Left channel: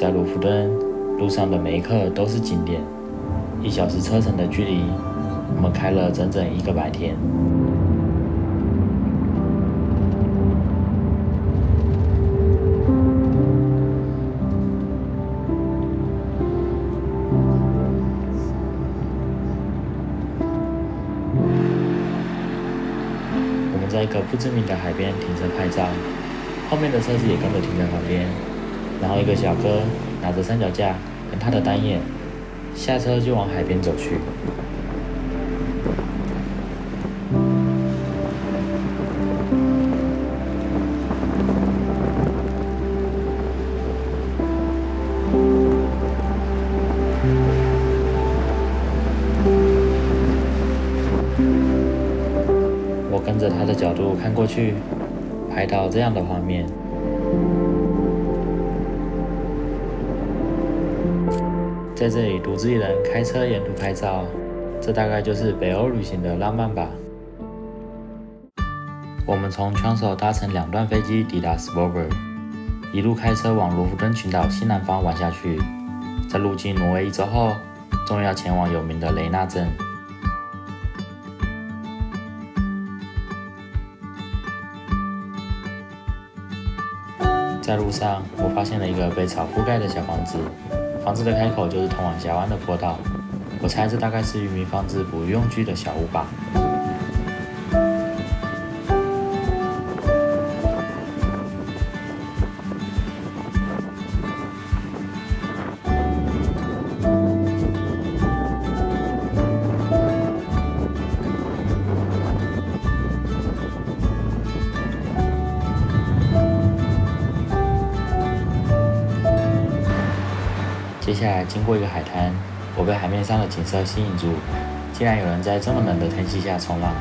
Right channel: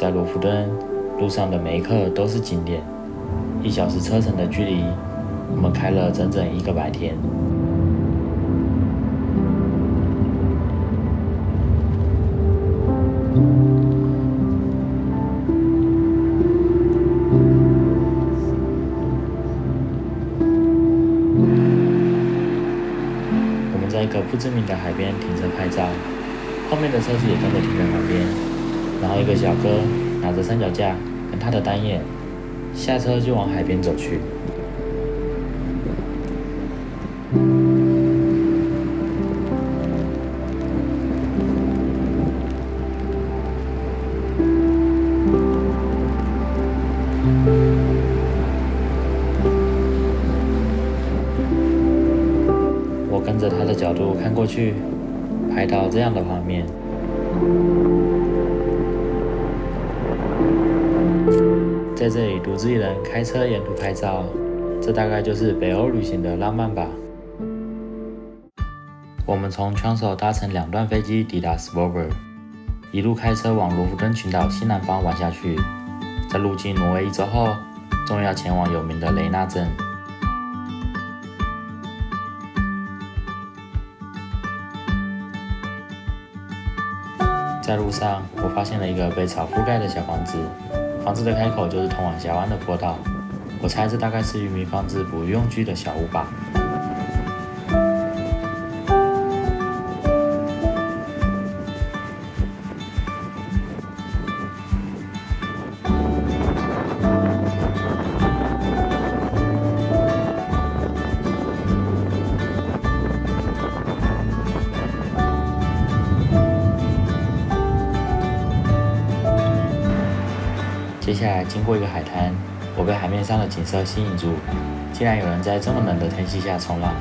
在罗浮敦路上的每一刻都是景点，1小时车程的距离，我们开了整整1个白天。我们在一个不知名的海边停车拍照，后面的车子也跟着停在旁边。然后一个小哥拿着三脚架跟他的单眼下车就往海边走去。我跟着他的角度看过去，拍到这样的画面。在这里独自一人开车沿途拍照，这大概就是北欧旅行的浪漫吧。我们从枪手搭乘2段飞机抵达 Svolvær， 一路开车往罗浮敦群岛西南方玩下去。在入境挪威1周后，终于要前往有名的雷纳镇。在路上，我发现了一个被草覆盖的小房子。房子的开口就是通往峡湾的坡道，我猜这大概是渔民放置捕鱼用具的小屋吧。接下来经过一个海滩，我被海面上的景色吸引住，竟然有人在这么冷的天气下冲浪。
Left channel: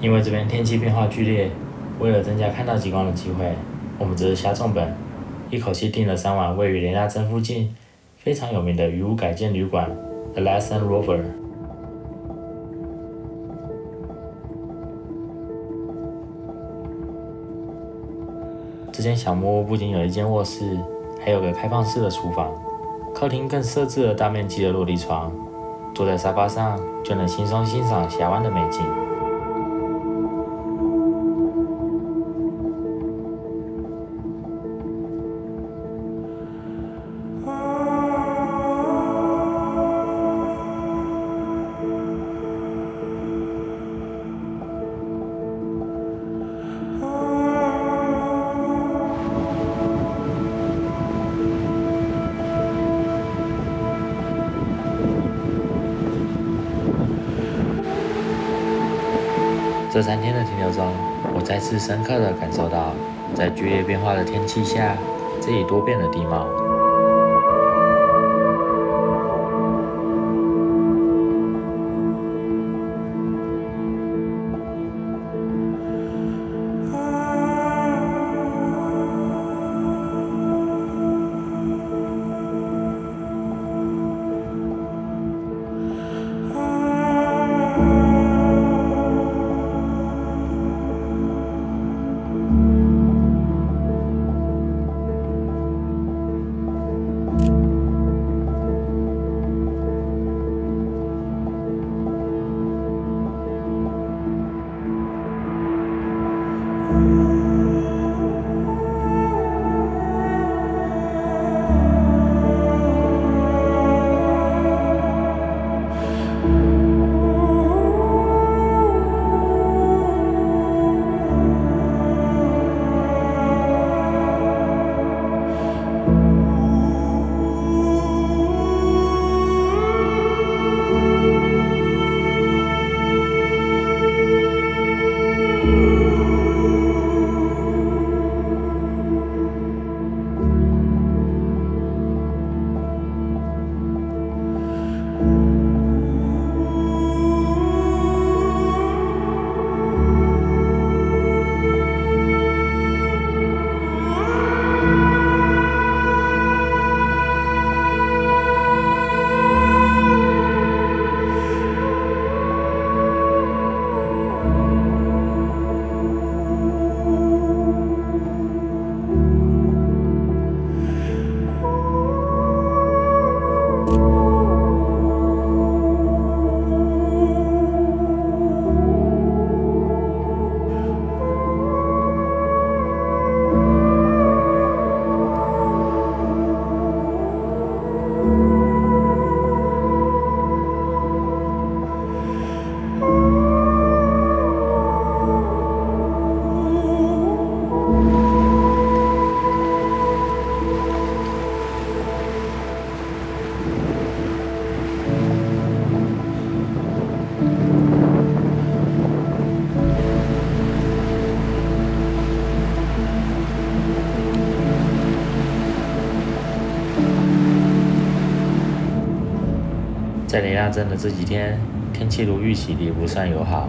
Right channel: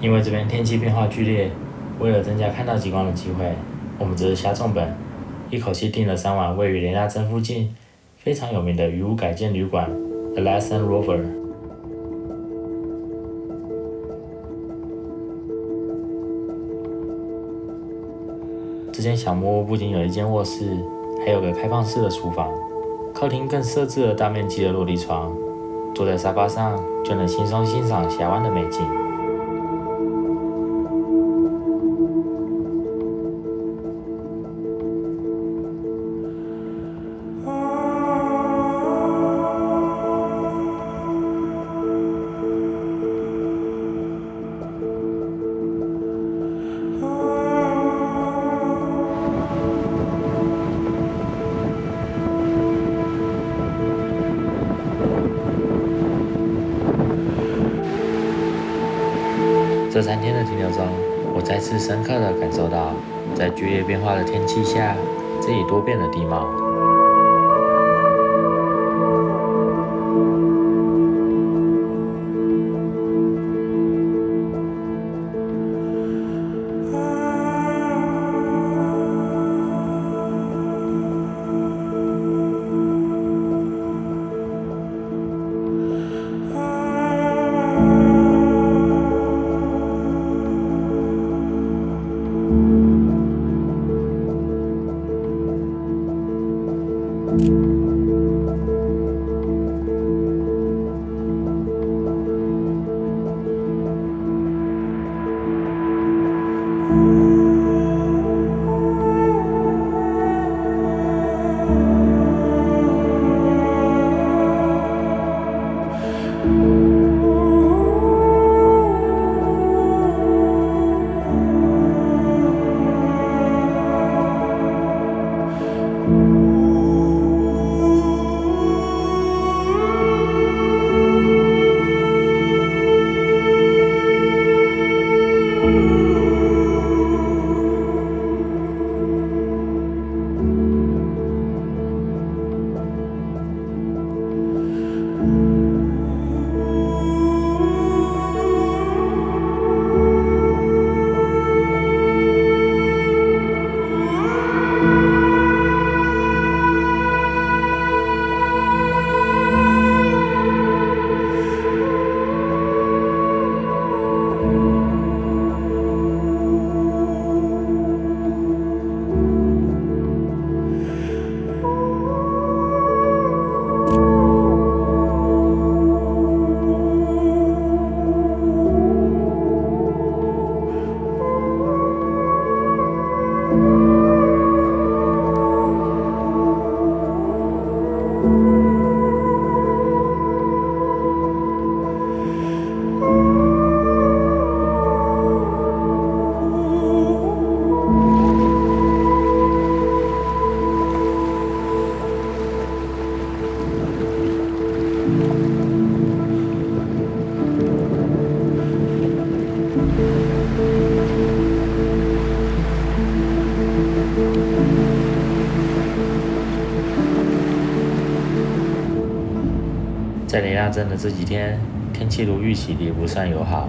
因为这边天气变化剧烈，为了增加看到极光的机会，我们只是下重本，一口气订了3晚位于雷纳镇附近非常有名的渔屋改建旅馆 The Lassen Rover。这间小木屋不仅有一间卧室，还有个开放式的厨房，客厅更设置了大面积的落地窗，坐在沙发上就能轻松欣赏峡湾的美景。这3天的停留中，我再次深刻地感受到，在剧烈变化的天气下，这里多变的地貌。在雷纳镇的这几天，天气如预期的不算友好。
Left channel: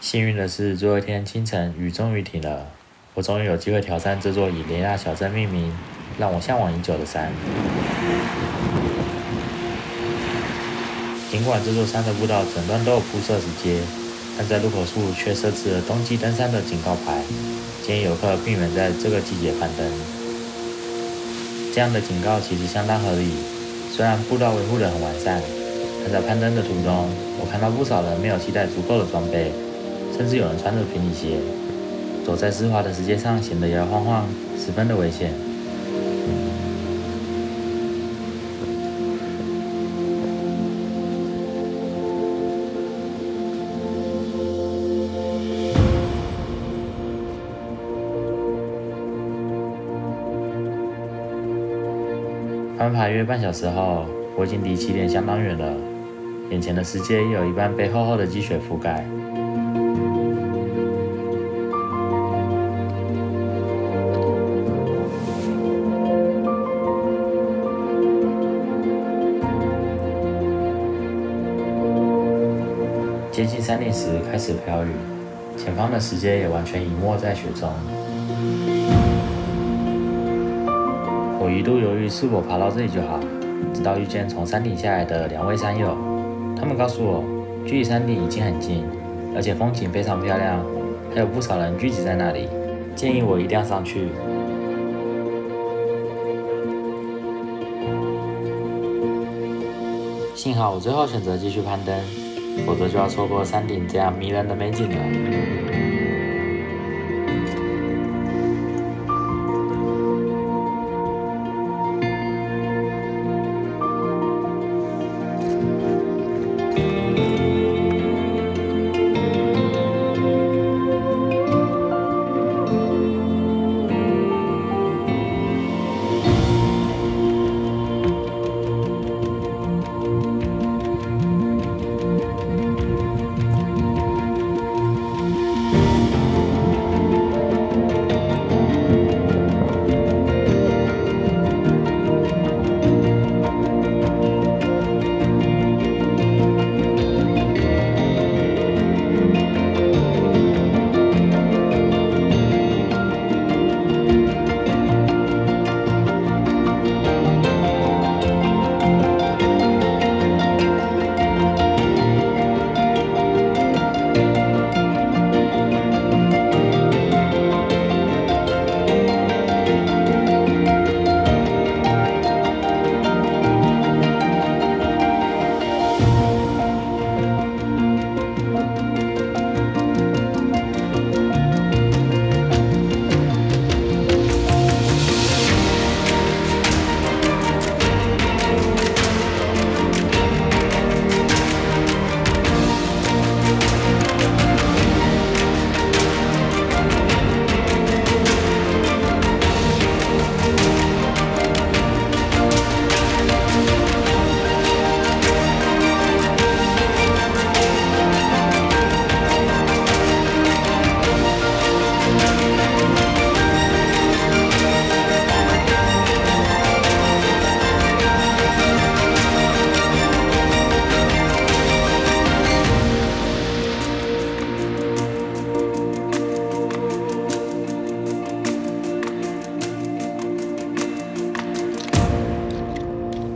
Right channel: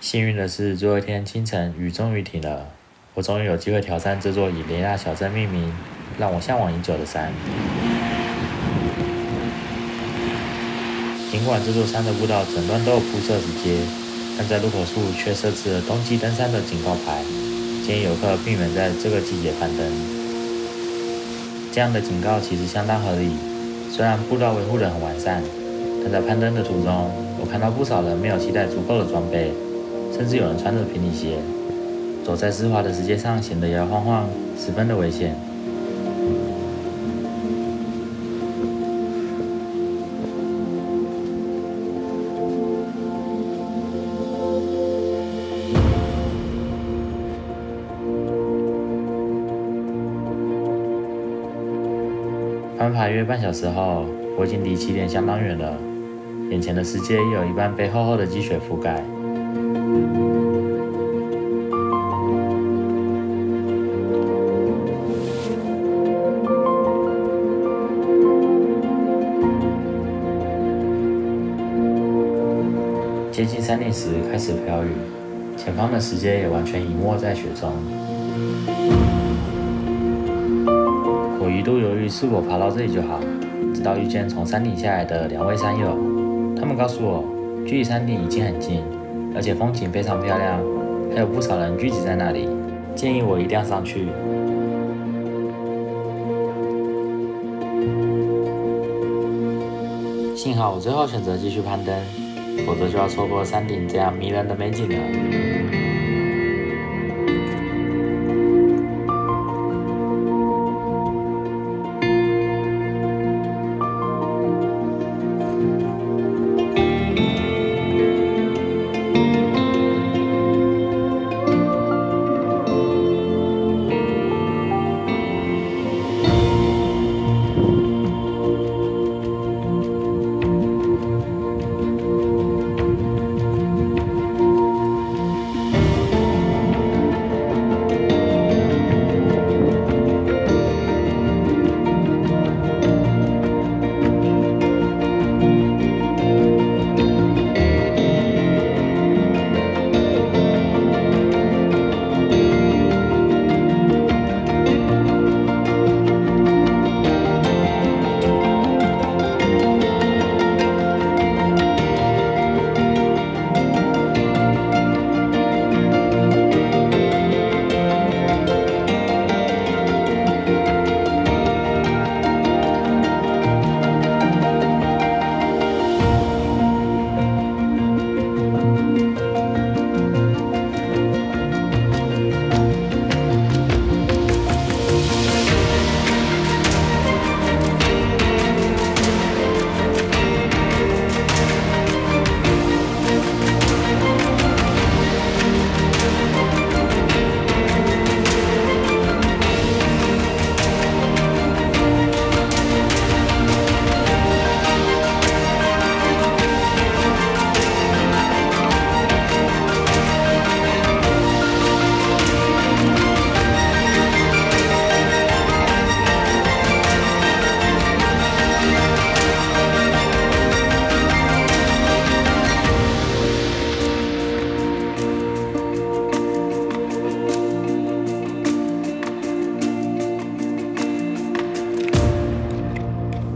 幸运的是，最后一天清晨，雨终于停了。我终于有机会挑战这座以雷纳小镇命名、让我向往已久的山。尽管这座山的步道整段都有铺设石阶，但在入口处却设置了冬季登山的警告牌，建议游客避免在这个季节攀登。这样的警告其实相当合理，虽然步道维护得很完善，但在攀登的途中，我看到不少人没有携带足够的装备。甚至有人穿着平底鞋，走在湿滑的石阶上，显得摇摇晃晃，十分的危险。攀爬约半小时后，我已经离起点相当远了，眼前的石阶也有一半被厚厚的积雪覆盖。接近山顶时开始飘雨，前方的石阶也完全隐没在雪中。我一度犹豫是否爬到这里就好，直到遇见从山顶下来的2位山友，他们告诉我，距离山顶已经很近，而且风景非常漂亮，还有不少人聚集在那里，建议我一定要上去。幸好我最后选择继续攀登，否则就要错过山顶这样迷人的美景了。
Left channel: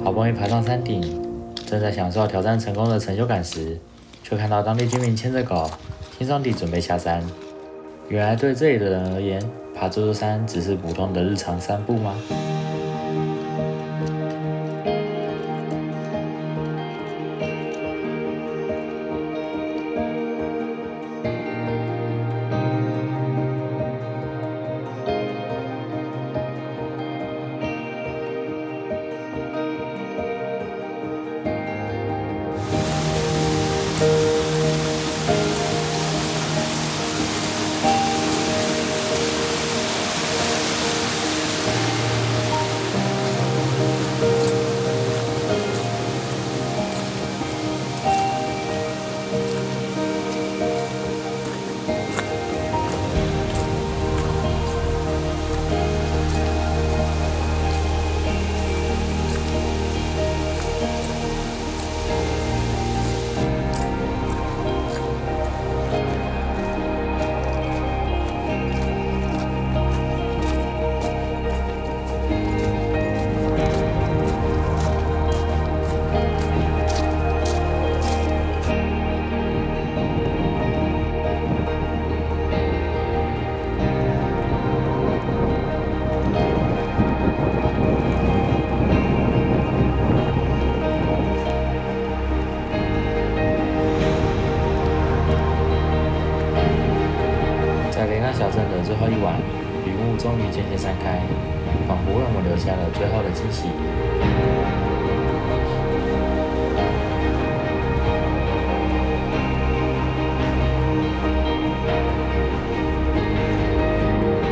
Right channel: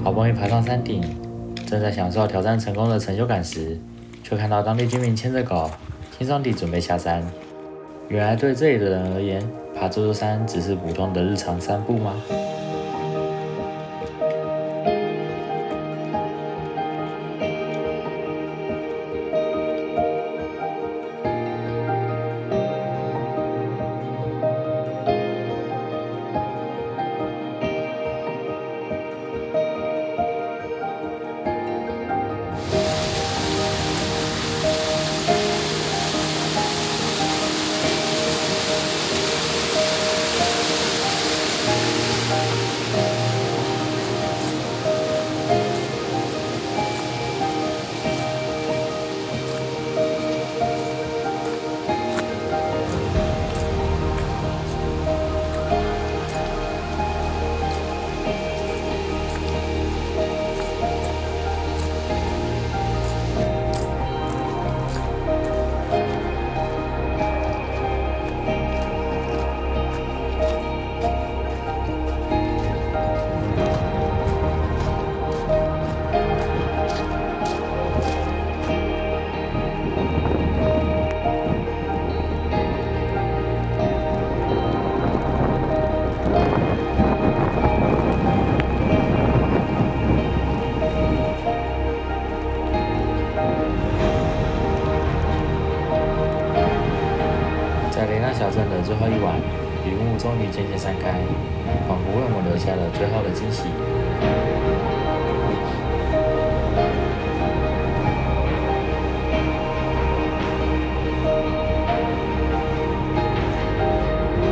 好不容易爬上山顶，正在享受挑战成功的成就感时，却看到当地居民牵着狗，轻松地准备下山。原来对这里的人而言，爬这座山只是普通的日常散步吗？在雷纳小镇的最后一晚，云雾终于渐渐散开，仿佛为我们留下了最后的惊喜。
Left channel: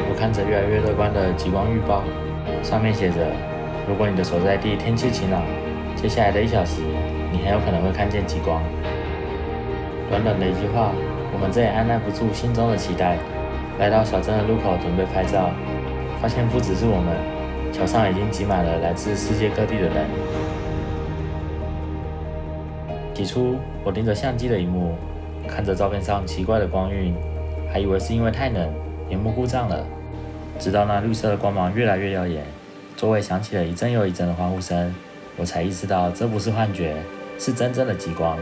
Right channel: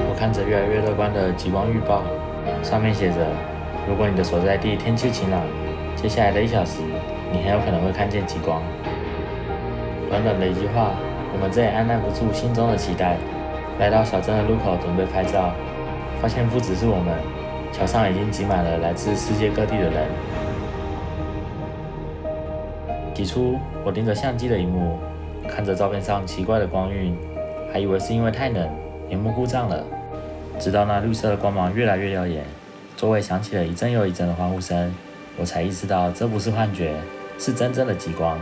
我看着越来越乐观的极光预报，上面写着：如果你的所在地天气晴朗，接下来的1小时，你很有可能会看见极光。短短的一句话，我们再也按捺不住心中的期待，来到小镇的路口准备拍照，发现不只是我们，桥上已经挤满了来自世界各地的人。起初，我盯着相机的萤幕，看着照片上奇怪的光晕，还以为是因为太冷，萤幕故障了。直到那绿色的光芒越来越耀眼，周围响起了一阵又一阵的欢呼声，我才意识到这不是幻觉，是真正的极光。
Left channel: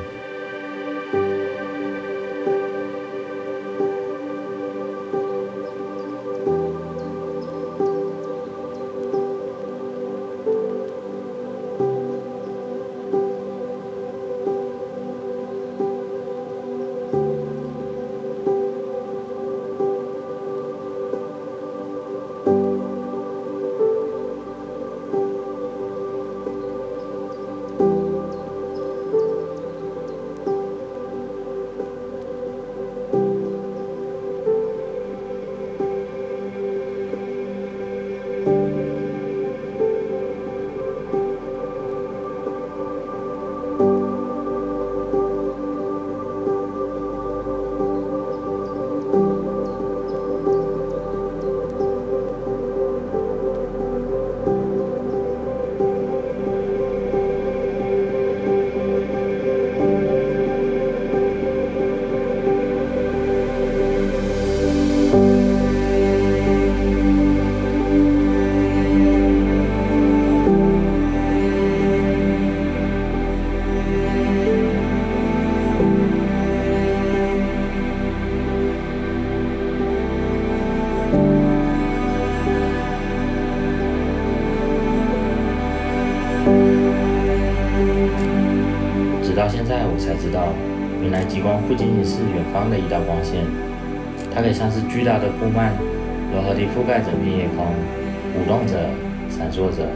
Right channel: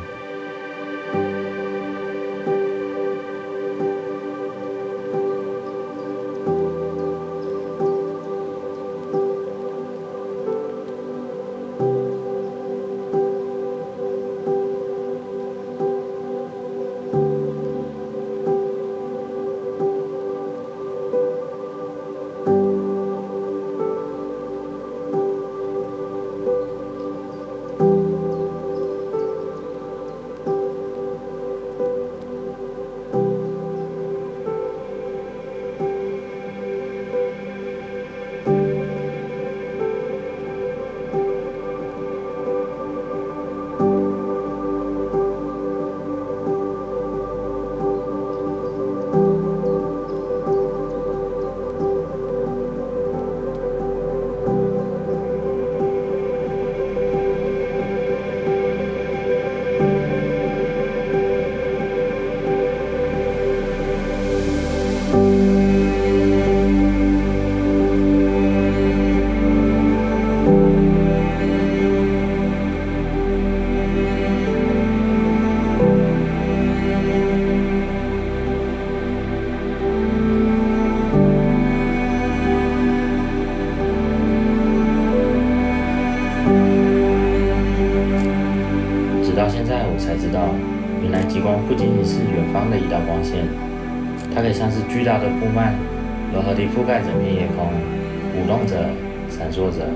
直到现在，我才知道，原来极光不仅仅是远方的一道光线，它可以像是巨大的布幔，柔和地覆盖整片夜空，舞动着，闪烁着。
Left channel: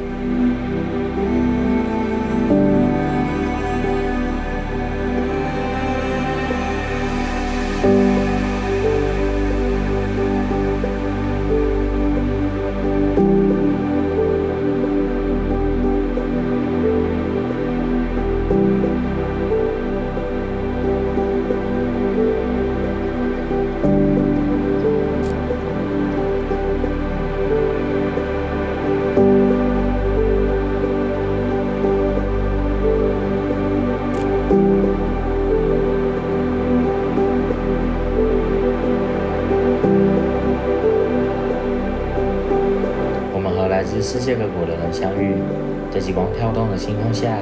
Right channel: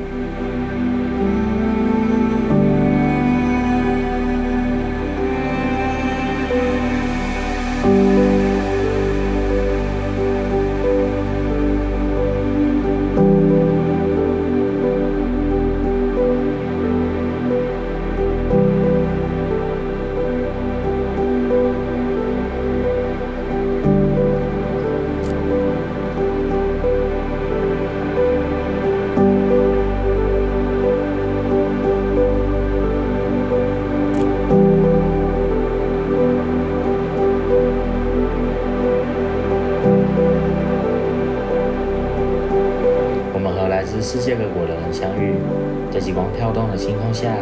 我们和来自世界各国的人相遇，在极光跳动的星空下，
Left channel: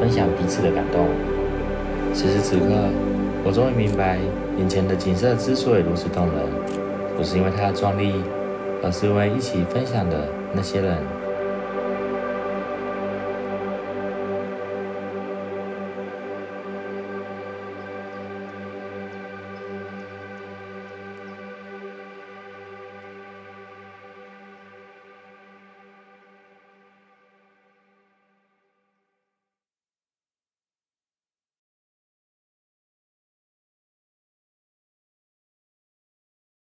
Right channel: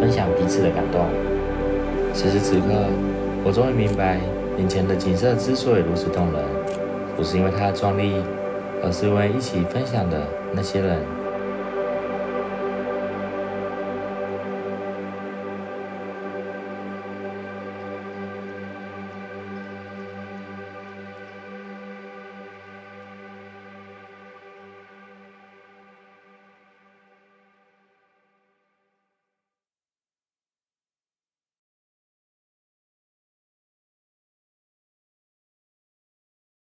分享彼此的感动。此时此刻，我终于明白，眼前的景色之所以如此动人，不是因为它的壮丽，而是因为一起分享的那些人。